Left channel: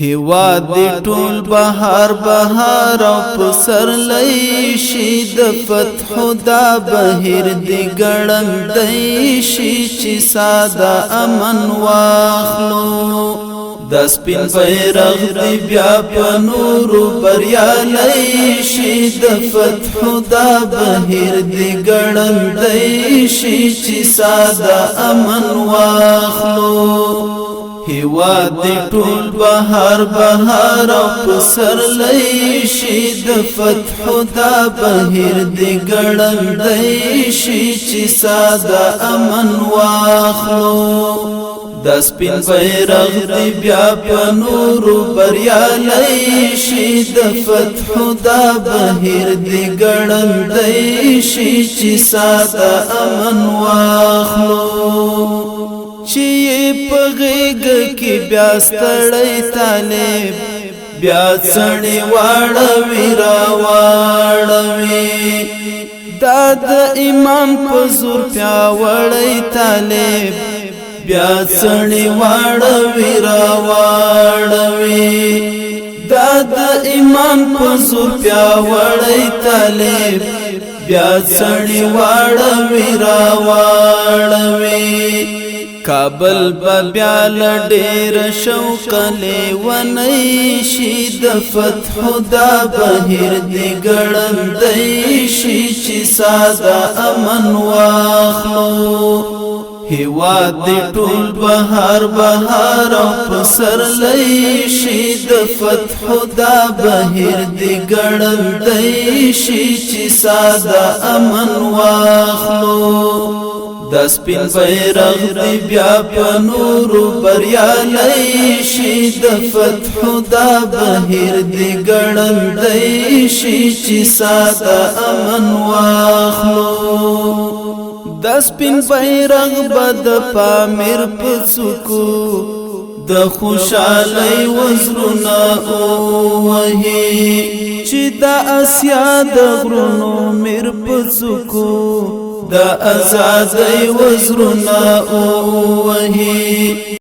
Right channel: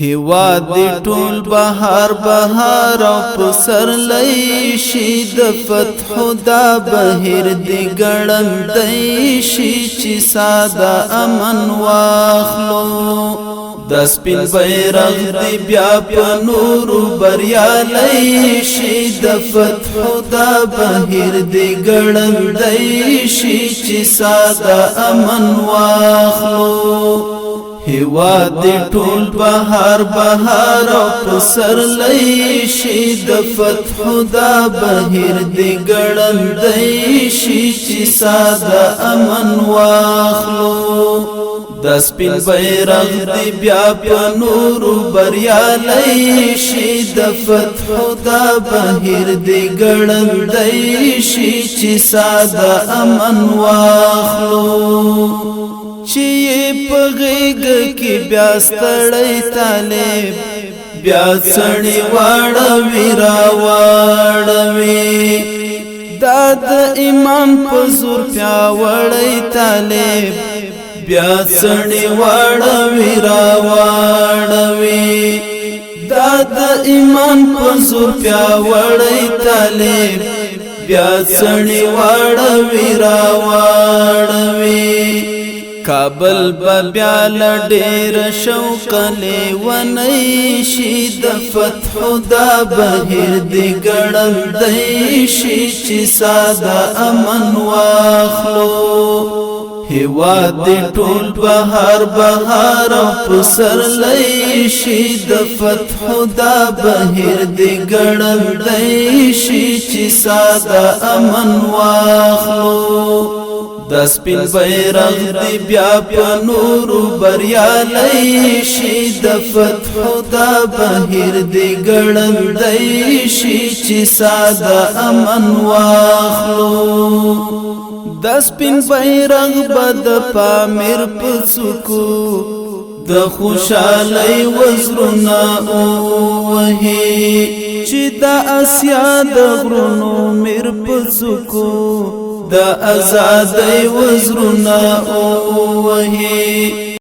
هیواد دی ټول بهار بهار او پسر لئی شي د فتح دا بهیر دی ګړندی شي چې ساده امن واخلو د سپین بیرغ دی بیا په نورو بریالی شي د فتح دا بهیر دی ګړندی شي چې ساده امن واخلو هیواد دی ټول بهار بهار او پسر لئی شي د فتح دا بهیر دی ګړندی شي چې ساده امن واخلو د سپین بیرغ دی بیا په نورو بریالی شي د فتح دا بهیر دی ګړندی شي چې ساده امن واخلو چی پغیگ کی بیا ستړی طالب بیا سړی واړوي راواړوي دا د ایمان په زور پیاوړی طالب بیا سړی واړوي راواړوي دا د ایمان په زور پیاوړی طالب بیا سړی واړوي راواړوي کابل بیا لډیر شوق لیونی شي د فتح دا بهیر دی ګړندی شي چې ساده امن واخلو هیواد دی ټول بهار بهار او پسر لئی شي د فتح دا بهیر دی ګړندی شي چې ساده امن واخلو د سپین بیرغ دی بیا په نورو بریالی شي د فتح دا بهیر دی ګړندی شي چې ساده امن واخلو د سپین بیرغ بد پامیر پڅکو د خوشالۍ وزرونه وهي چې د اسیا د غرونو میر پڅکو د آزادۍ وزرونه وهي